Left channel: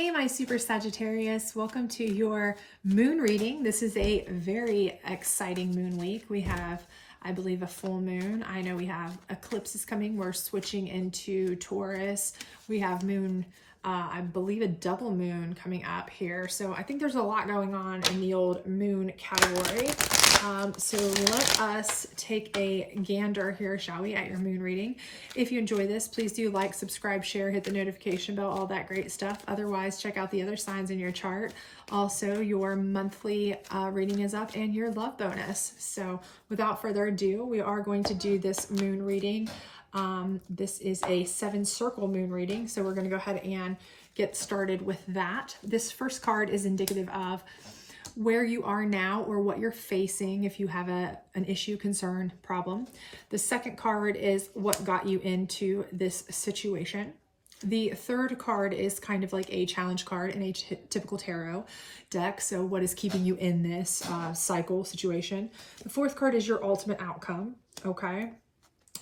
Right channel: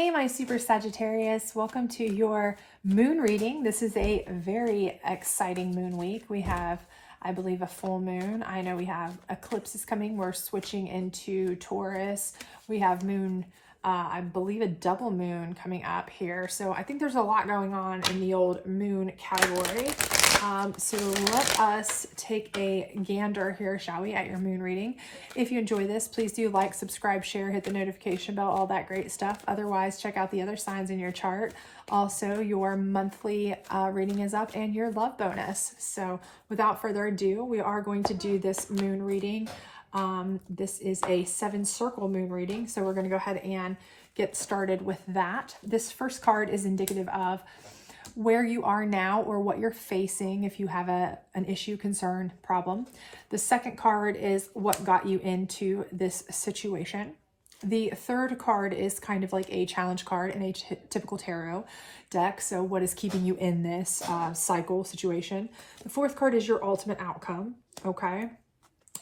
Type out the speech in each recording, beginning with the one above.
Hey, my super Sagittarius, welcome to your moon reading. This is a very exciting moon week. We have, I believe, a full moon. I know we have eclipses coming. We're switching into Taurus. We have moon, I believe, a double moon coming up here. So I think there's a lot going on in the old moon category. So let us take a gander here, shall we, at your moon reading. If you enjoy this, please do like, subscribe, share, hit the notification bell, all that great stuff. Otherwise, check out the other signs in your chart. Also, your monthly reading is up and your love bonus. So without further ado, we are going to do this moon reading. This is a 7-circle moon reading. So we're going to go ahead and get started with that. This first card is indicative of where you are now or what you're facing if you have an issue, concern, problem. The second card is what got you into this situation. The third card is kind of like a challenge card in a typical tarot deck. So what is keeping you in this cycle situation? The fourth card is your ultimate outcome. Okay.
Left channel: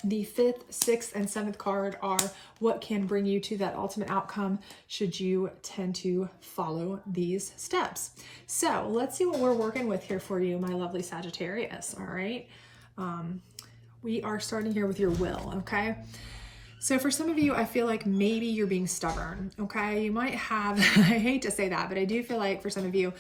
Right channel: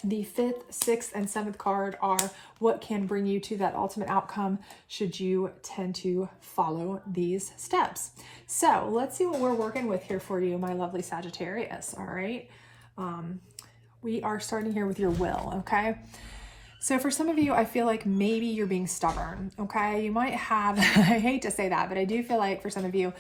The fifth, sixth, and seventh card are what can bring you to that ultimate outcome should you tend to follow these steps. So let's see what we're working with here for you, my lovely Sagittarius. All right. We are starting here with your will. Okay. So for some of you, I feel like maybe you're being stubborn. Okay. You might have, I hate to say that, but I do feel like for some of you,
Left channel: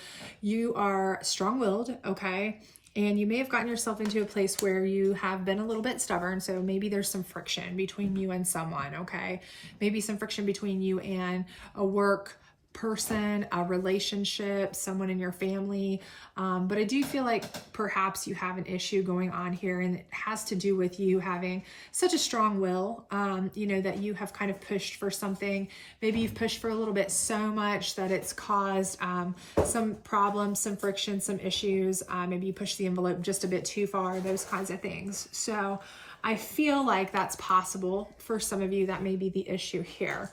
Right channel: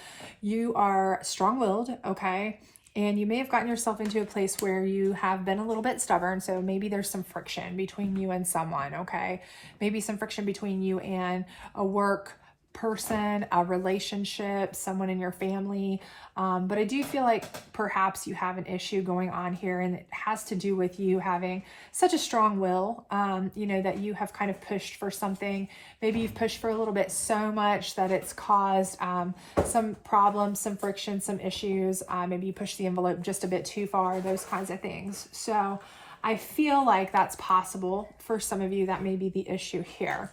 you are strong-willed. Okay. And you may have gotten yourself into a place where you have been a little bit stubborn. So maybe there's some friction between you and someone, okay? Maybe some friction between you and a work person, a relationship, someone in your family. But I do feel like perhaps you have an issue going on here, and it has to do with you having such a strong will, you know, that you have kind of pushed for something. Maybe you've pushed for a little bit so much that it's caused some problems, some friction, some issues. Maybe you pushed the envelope just a bit too far, those kinds of things. So I feel like that's possible for some of you. That may be the issue here.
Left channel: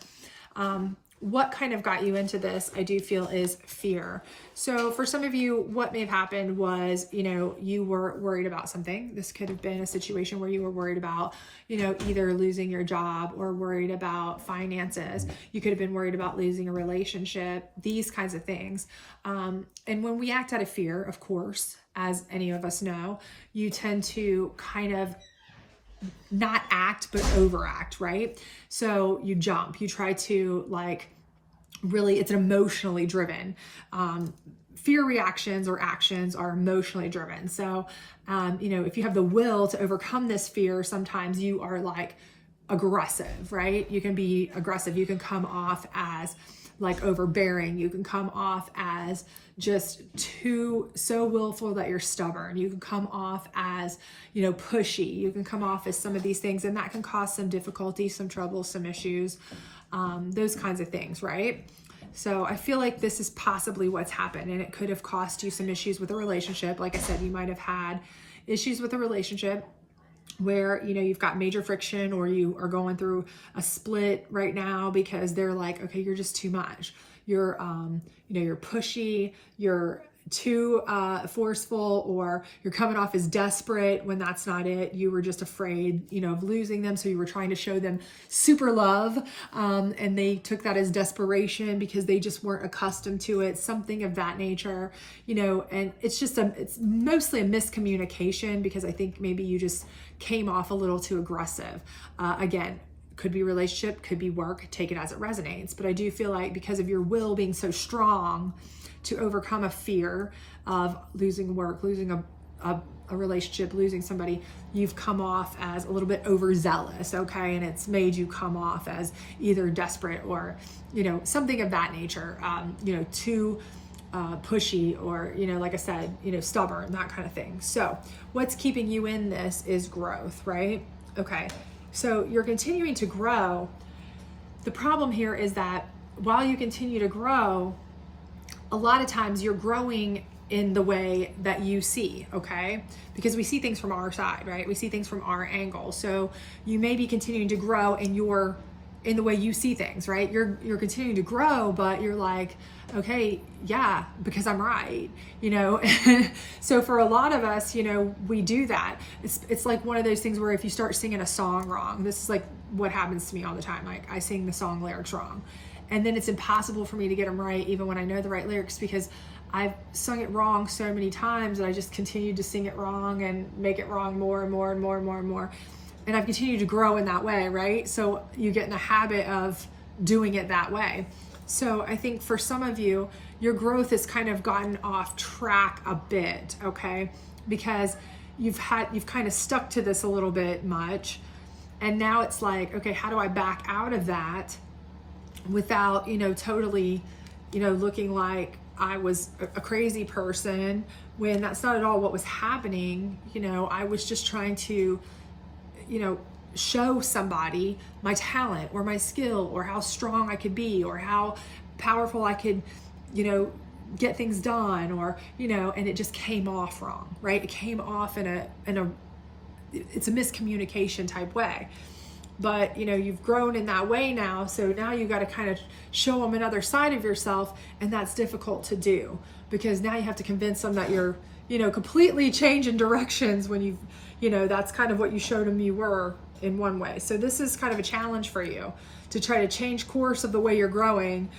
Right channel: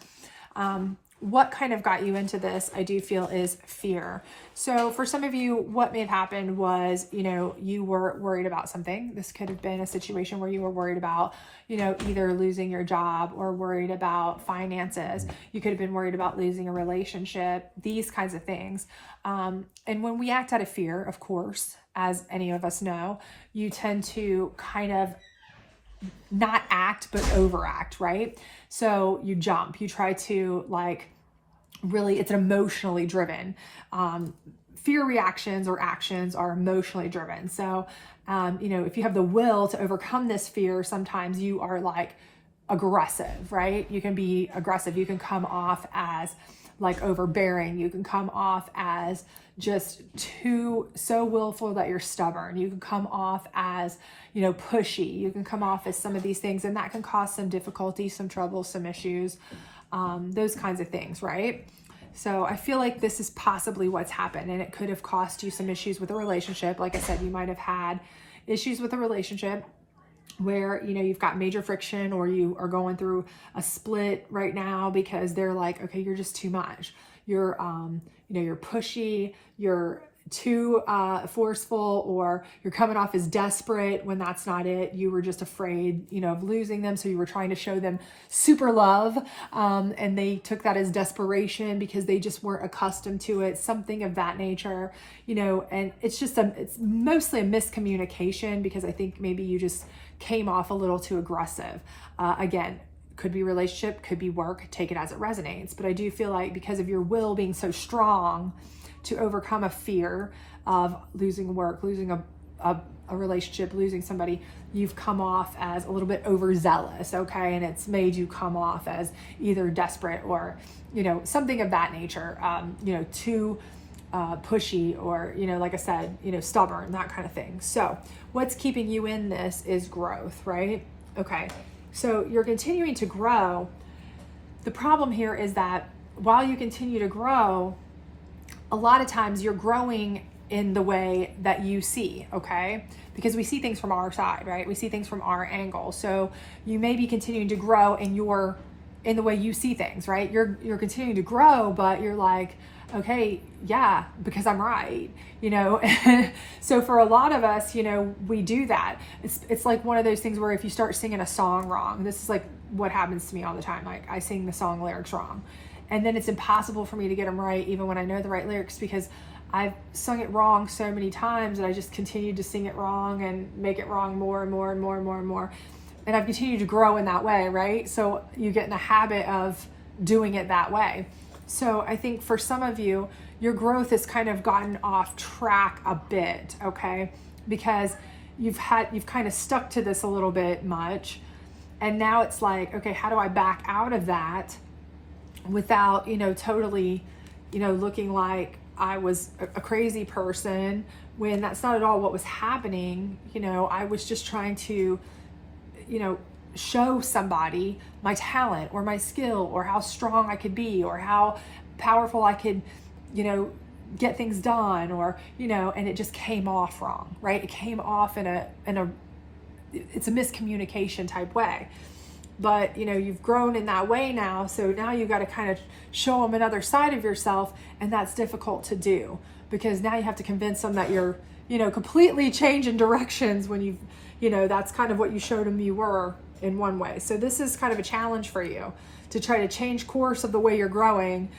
What kind of got you into this, I do feel, is fear. So for some of you, what may have happened was, you know, you were worried about something. This could have been a situation where you were worried about, you know, either losing your job or worried about finances. You could have been worried about losing a relationship, these kinds of things. And when we act out of fear, of course, as any of us know, you tend to kind of not act, but overact, right? So you jump, you try to like, really, it's an emotionally driven. Fear reactions or actions are emotionally driven. So, you know, if you have the will to overcome this fear, sometimes you are like aggressive, right? You can be aggressive. You can come off as like overbearing. You can come off as just so willful that you're stubborn. You can come off as, you know, pushy. You can come off as some of these things, and that can cause some difficulty, some trouble, some issues, those kinds of things, right? So I feel like this is possibly what's happened, and it could have cost you some issues with a relationship. Like I said, you might have had issues with a relationship where, you know, you've got major friction, or you are going through a split right now because they're like, okay, you're just too much. You're, you know, you're pushy, you're too forceful, or you're coming off as desperate when that's not it. You were just afraid, you know, of losing them. So you were trying to show them super love. And they took that as desperation because they just weren't accustomed to it, something of that nature, you know, and it's just it's mostly a miscommunication because I think maybe you just came off a little too aggressive. Again, could be relationship, could be work, take it as it resonates. But I do feel like because of your will being so strong to overcome a fear of losing work, losing a relationship, losing somebody, you've come off as a little bit overzealous, okay? And it's made you come off as either desperate or, you know, something of that nature, you know, too pushy, or, you know, like I said, you know, stubborn, that kind of thing. So what's keeping you in this is growth, right? Okay. So you're continuing to grow. The problem here is that while you continue to grow, a lot of times you're growing in the way that you see, okay? Because we see things from our side, right? We see things from our angle. So you may be continuing to grow in the way you see things, right? You're continuing to grow, but you're like, okay, yeah, because I'm right, you know? So for a lot of us, you know, we do that. It's like one of those things where if you start singing a song wrong, this is like what happens to me all the time. Like I sing the song lyrics wrong. and then it's impossible for me to get them right even when I know the right lyrics, because I've sung it wrong so many times that I just continued to sing it wrong and make it wrong more and more and more and more and more. And I've continued to grow in that way, right? So you get in a habit of doing it that way. So I think for some of you, your growth has kind of gotten off track a bit, okay? Because you've kind of stuck to this a little bit much. And now it's like, okay, how do I back out of that without, totally, looking like I was a crazy person, when that's not at all what was happening. I was just trying to, show somebody my talent or my skill or how strong I could be or how powerful I could, get things done, or, and it just came off wrong, right? It came off in a it's a miscommunication type way. But you've grown in that way now, so now you got to kind of show them another side of yourself, and that's difficult to do, because now you have to convince them that you're completely changing directions when that's kind of what you showed them you were in one way. So this is kind of a challenge for you to try to change course of the way you're growing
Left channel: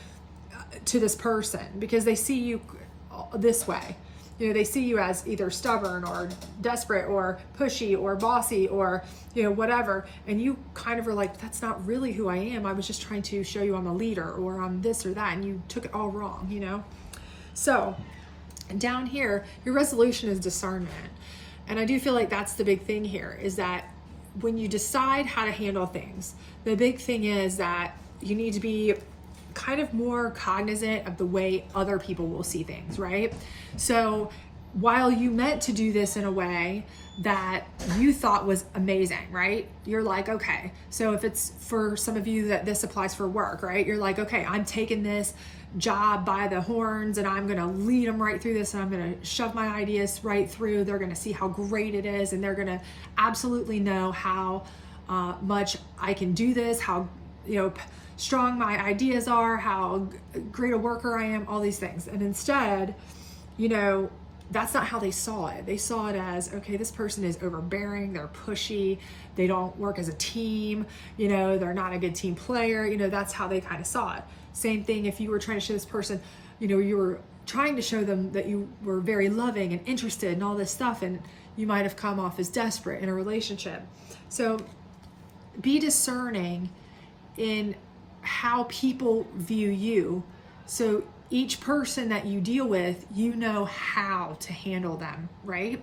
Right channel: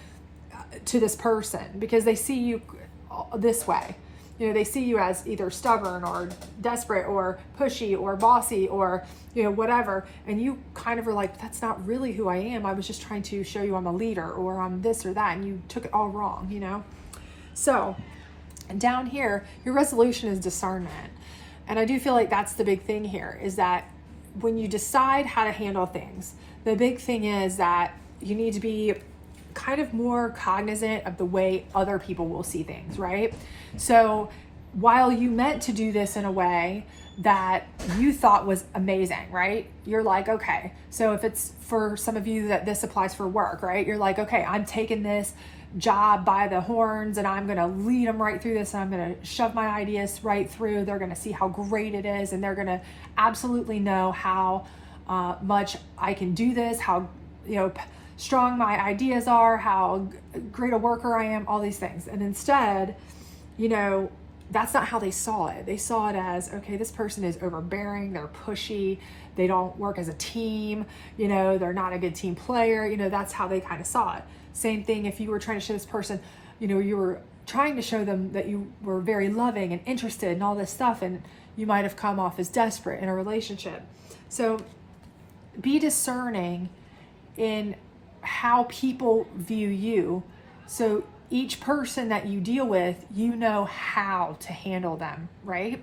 to this person, because they see you this way. They see you as either stubborn or desperate or pushy or bossy or, whatever. And you kind of are like, that's not really who I am. I was just trying to show you I'm a leader, or I'm this or that. And you took it all wrong, So down here, your resolution is discernment. And I do feel like that's the big thing here, is that when you decide how to handle things, the big thing is that you need to be kind of more cognizant of the way other people will see things, right? So while you meant to do this in a way that you thought was amazing, right? You're like, okay, so if it's for some of you that this applies for work, right? You're like, okay, I'm taking this job by the horns and I'm going to lead them right through this, and I'm going to shove my ideas right through. They're going to see how great it is, and they're going to absolutely know how much I can do this, how, strong my ideas are, how great a worker I am, all these things. And instead, that's not how they saw it. They saw it as, okay, this person is overbearing, they're pushy, they don't work as a team, they're not a good team player. That's how they kind of saw it. Same thing if you were trying to show this person, you were trying to show them that you were very loving and interested and all this stuff, and you might have come off as desperate in a relationship. So be discerning in how people view you. So each person that you deal with, how to handle them, right?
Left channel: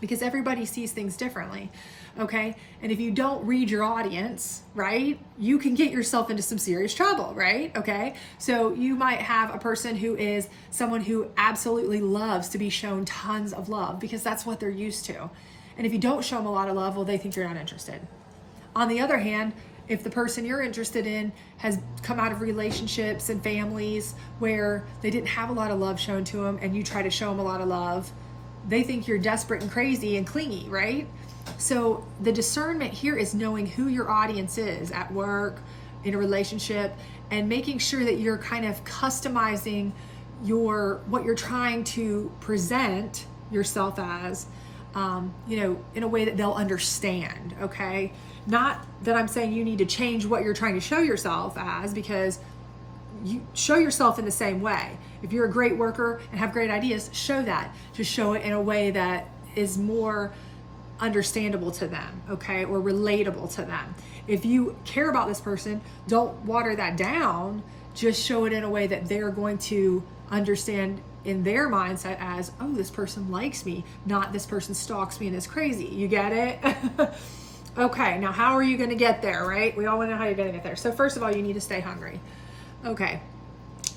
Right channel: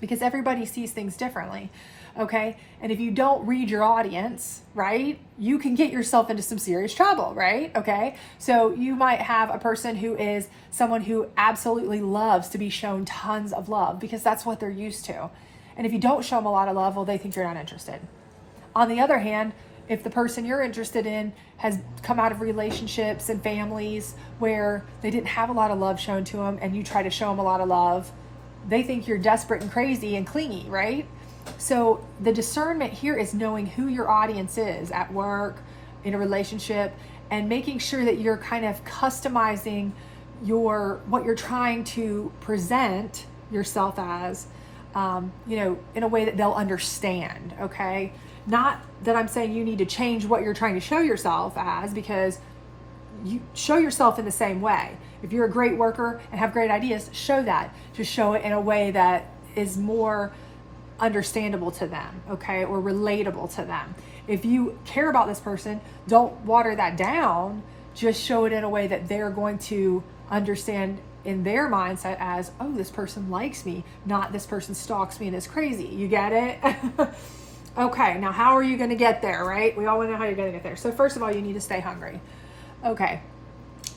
Because everybody sees things differently, okay? And if you don't read your audience, right, you can get yourself into some serious trouble, right? Okay? So you might have a person who is someone who absolutely loves to be shown tons of love, because that's what they're used to. And if you don't show them a lot of love, well, they think you're not interested. On the other hand, if the person you're interested in has come out of relationships and families where they didn't have a lot of love shown to them, and you try to show them a lot of love, they think you're desperate and crazy and clingy, right? So the discernment here is knowing who your audience is at work, in a relationship, and making sure that you're kind of customizing what you're trying to present yourself as, in a way that they'll understand, okay? Not that I'm saying you need to change what you're trying to show yourself as, because you show yourself in the same way. If you're a great worker and have great ideas, show that. Just show it in a way that is more understandable to them, okay, or relatable to them. If you care about this person, don't water that down. Just show it in a way that they're going to understand in their mindset as, oh, this person likes me, not this person stalks me and is crazy. You get it? Okay, now how are you going to get there, right? We all want to know how you're going to get there. So first of all, you need to stay hungry. Okay,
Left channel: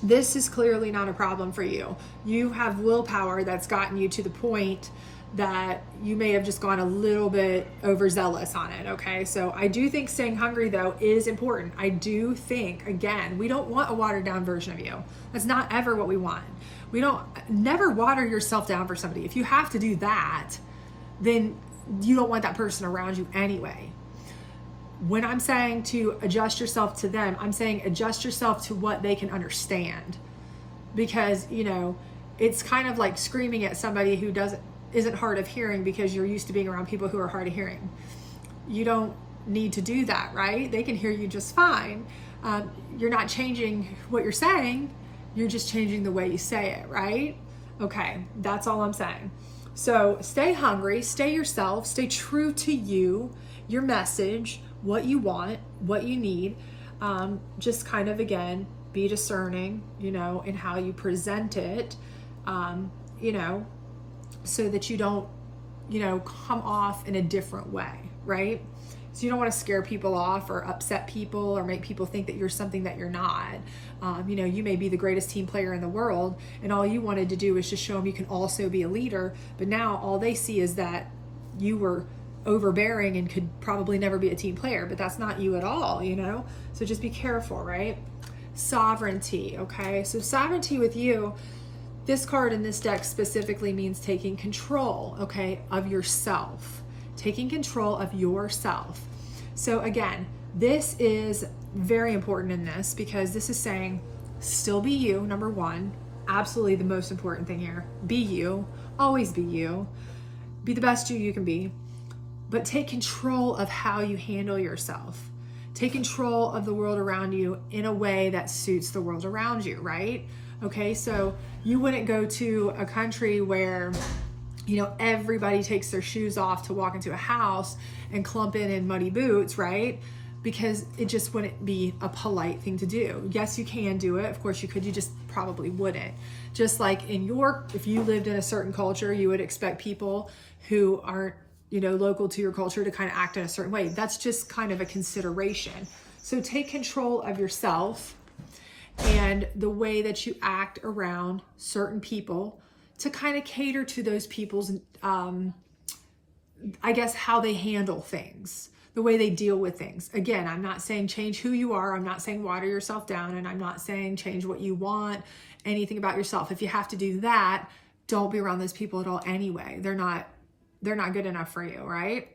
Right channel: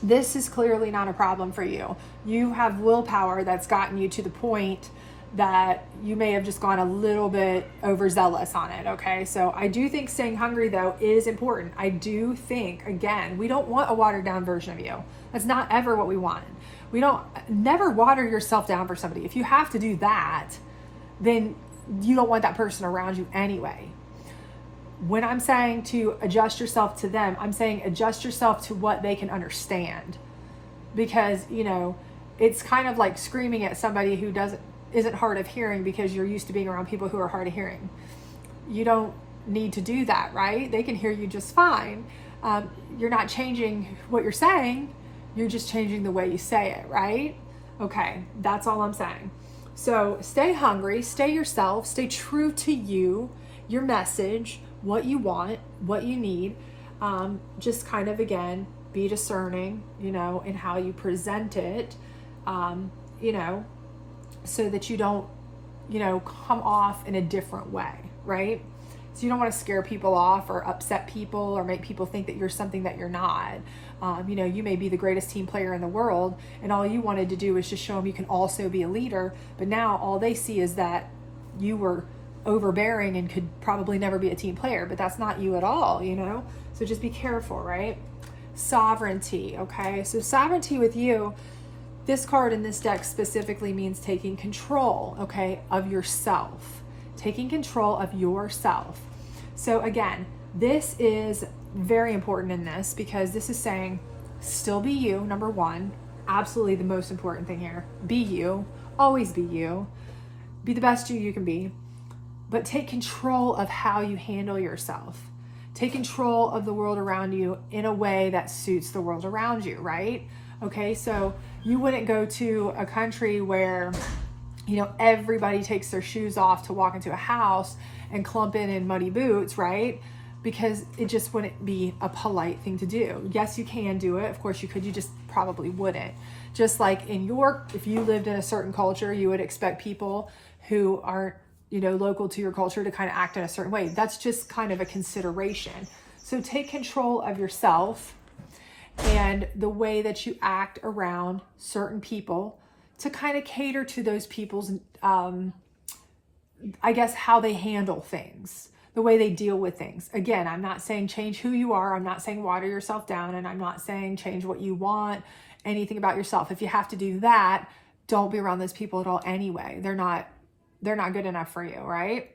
this is clearly not a problem for you. You have willpower that's gotten you to the point that you may have just gone a little bit overzealous on it, okay? So I do think staying hungry, though, is important. I do think, again, we don't want a watered down version of you. That's not ever what we want. Never water yourself down for somebody. If you have to do that, then you don't want that person around you anyway. When I'm saying to adjust yourself to them, I'm saying adjust yourself to what they can understand. Because, it's kind of like screaming at somebody who isn't hard of hearing because you're used to being around people who are hard of hearing. You don't need to do that, right? They can hear you just fine. You're not changing what you're saying, you're just changing the way you say it, right? Okay, that's all I'm saying. So stay hungry, stay yourself, stay true to you, your message, what you want, what you need. Just kind of, again, be discerning, you know, in how you present it, you know, so that you don't, you know, come off in a different way, right? So you don't want to scare people off or upset people or make people think that you're something that you're not. You know, you may be the greatest team player in the world, and all you wanted to do is just show them you can also be a leader. But now all they see is that you were overbearing and could probably never be a team player, but that's not you at all, you know? So just be careful, right? Sovereignty, okay? So sovereignty with you, this card in this deck specifically means taking control, okay, of yourself. Taking control of yourself. So again, this is very important in this because this is saying still be you, number one. Absolutely the most important thing here. Be you. Always be you. Be the best you can be. But take control of how you handle yourself. Take control of the world around you in a way that suits the world around you, right? Okay, so you wouldn't go to a country where, you know, everybody takes their shoes off to walk into a house and clump in muddy boots, right? Because it just wouldn't be a polite thing to do. Yes, you can do it. Of course you could, you just probably wouldn't. Just like in your, if you lived in a certain culture, you would expect people who aren't, you know, local to your culture to kind of act in a certain way. That's just kind of a consideration. So take control of yourself and the way that you act around certain people to kind of cater to those people's, I guess, how they handle things, the way they deal with things. Again, I'm not saying change who you are. I'm not saying water yourself down, and I'm not saying change what you want, anything about yourself. If you have to do that, don't be around those people at all anyway. They're not good enough for you, right?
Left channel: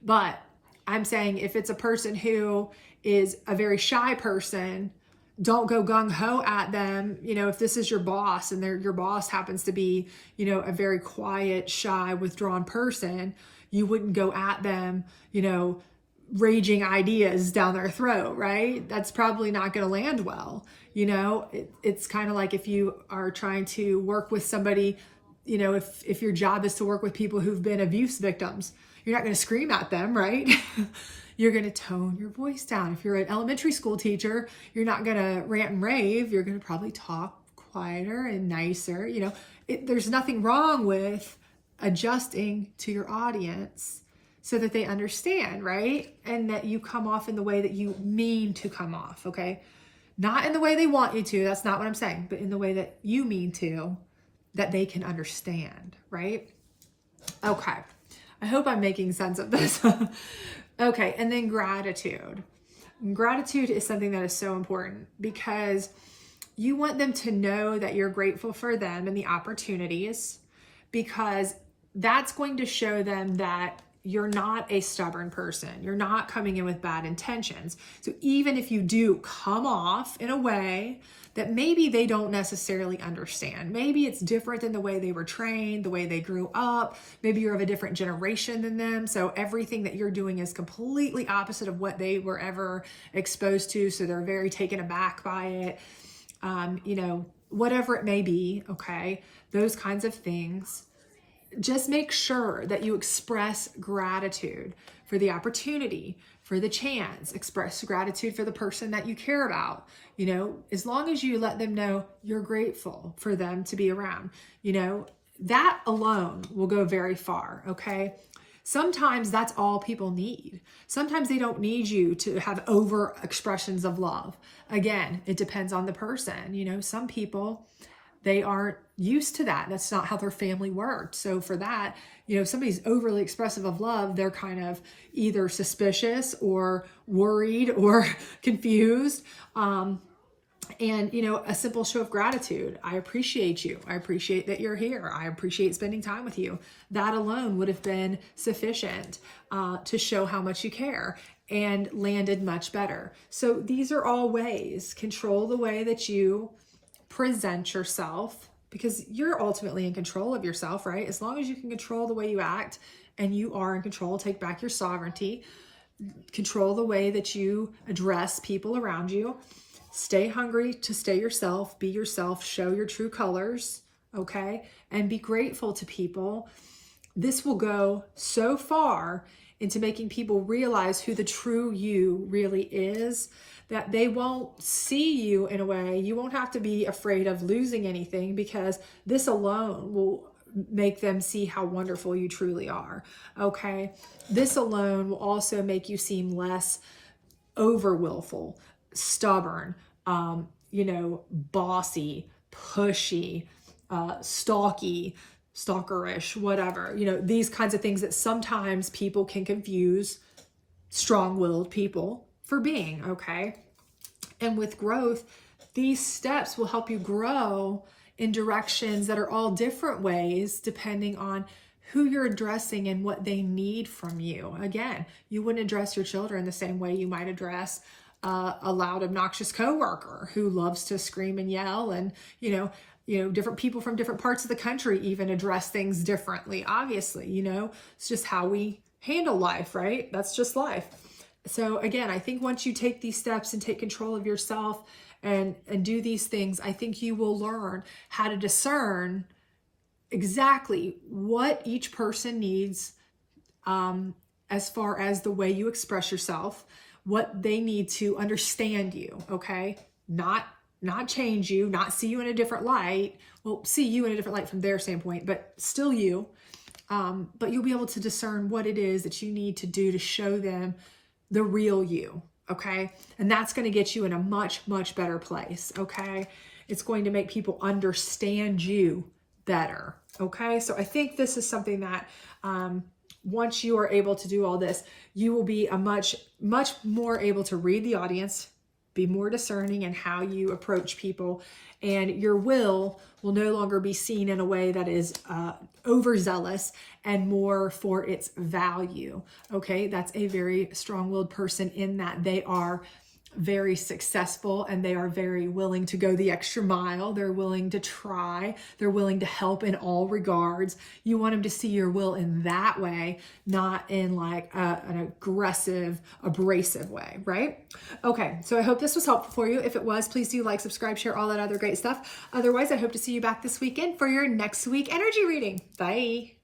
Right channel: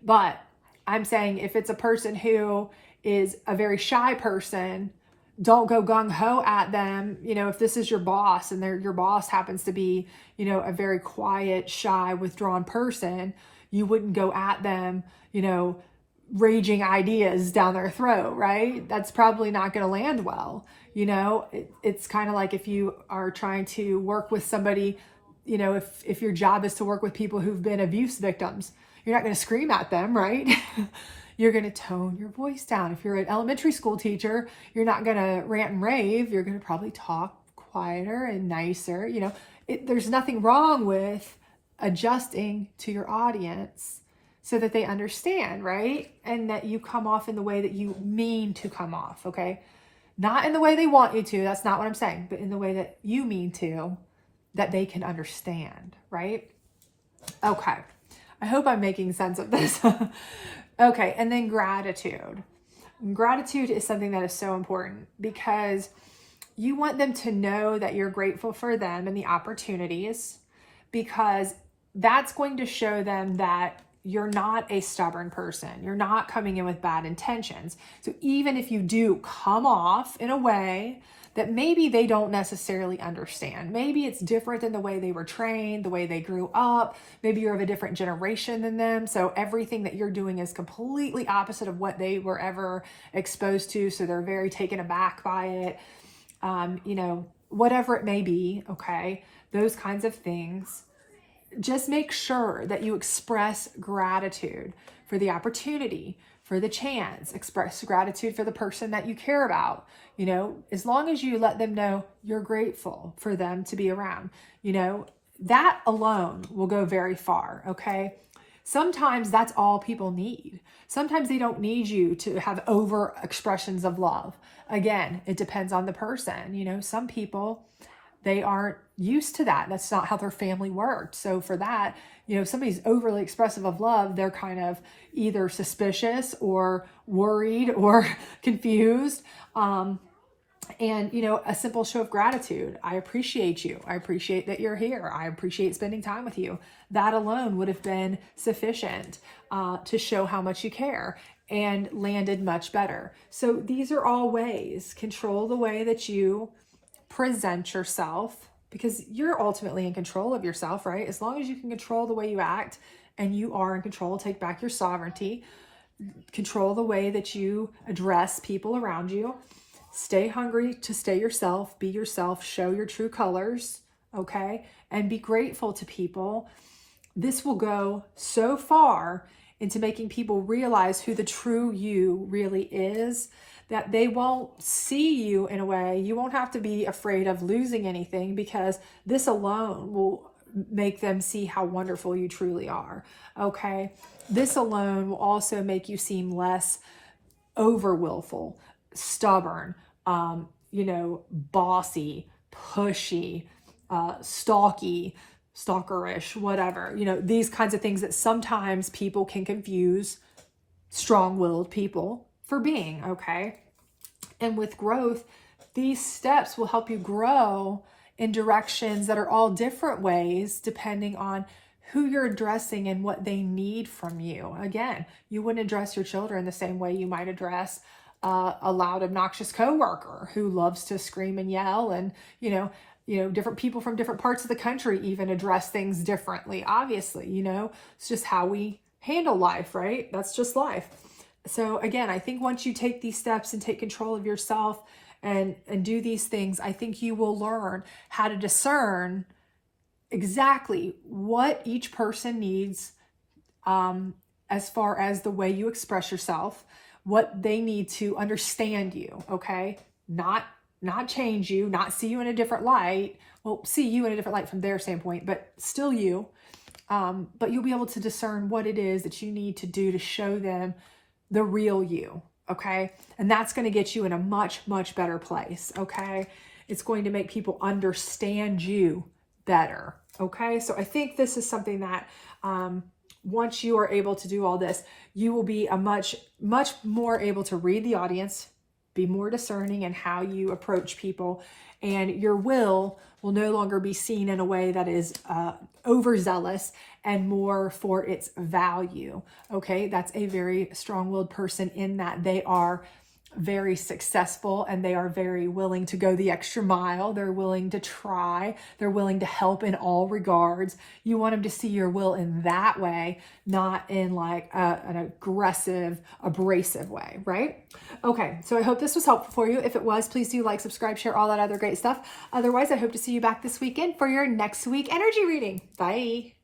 But I'm saying if it's a person who is a very shy person, don't go gung-ho at them. You know, if this is your boss and your boss happens to be, you know, a very quiet, shy, withdrawn person, you wouldn't go at them, you know, raging ideas down their throat, right? That's probably not going to land well. You know, it's kind of like if you are trying to work with somebody, you know, if your job is to work with people who've been abuse victims, you're not going to scream at them, right? You're going to tone your voice down. If you're an elementary school teacher, you're not going to rant and rave. You're going to probably talk quieter and nicer. You know, there's nothing wrong with adjusting to your audience so that they understand, right? And that you come off in the way that you mean to come off, okay? Not in the way they want you to. That's not what I'm saying. But in the way that you mean to, that they can understand, right? Okay. I hope I'm making sense of this. Okay, and then gratitude. Gratitude is something that is so important because you want them to know that you're grateful for them and the opportunities, because that's going to show them that you're not a stubborn person. You're not coming in with bad intentions. So even if you do come off in a way that maybe they don't necessarily understand. Maybe it's different than the way they were trained, the way they grew up. Maybe you're of a different generation than them. So everything that you're doing is completely opposite of what they were ever exposed to. So they're very taken aback by it. You know, whatever it may be, okay? Those kinds of things. Just make sure that you express gratitude for the opportunity, for the chance. Express gratitude for the person that you care about. You know, as long as you let them know you're grateful for them to be around, you know, that alone will go very far, okay? Sometimes that's all people need. Sometimes they don't need you to have over expressions of love. Again, it depends on the person. You know, some people, they aren't used to that. That's not how their family worked. So for that, you know, if somebody's overly expressive of love, they're kind of either suspicious or worried or confused. And, you know, a simple show of gratitude. I appreciate you. I appreciate that you're here. I appreciate spending time with you. That alone would have been sufficient to show how much you care, and landed much better. So these are all ways. Control the way that you present yourself, because you're ultimately in control of yourself, right? As long as you can control the way you act and you are in control, take back your sovereignty. control the way that you address people around you. Stay hungry to stay yourself, be yourself, show your true colors, okay? And be grateful to people. This will go so far into making people realize who the true you really is, that they won't see you in a way. You won't have to be afraid of losing anything, because this alone will make them see how wonderful you truly are, okay? This alone will also make you seem less over willful, stubborn, bossy, pushy, stalkerish, whatever. These kinds of things that sometimes people can confuse strong-willed people for being, okay? And with growth, these steps will help you grow in directions that are all different ways depending on who you're addressing and what they need from you. Again, you wouldn't address your children the same way you might address a loud, obnoxious coworker who loves to scream and yell, and different people from different parts of the country even address things differently. Obviously, it's just how we handle life, right? That's just life. So again, I think once you take these steps and take control of yourself and do these things, I think you will learn how to discern exactly what each person needs as far as the way you express yourself, what they need to understand you, okay? Not change you, not see you in a different light. Well, see you in a different light from their standpoint, but still you. But you'll be able to discern what it is that you need to do to show them the real you, okay? And that's going to get you in a much, much better place, okay? It's going to make people understand you better, okay? So I think this is something that once you are able to do all this, you will be a much, much more able to read the audience, be more discerning in how you approach people, and your will no longer be seen in a way that is overzealous and more for its value. Okay, that's a very strong-willed person in that they are very successful and they are very willing to go the extra mile. They're willing to try. They're willing to help in all regards. You want them to see your will in that way, not in like an aggressive, abrasive way, right? Okay, so I hope this was helpful for you. If it was, please do like, subscribe, share, all that other great stuff. Otherwise, I hope to see you back this weekend for your next week energy reading. Bye.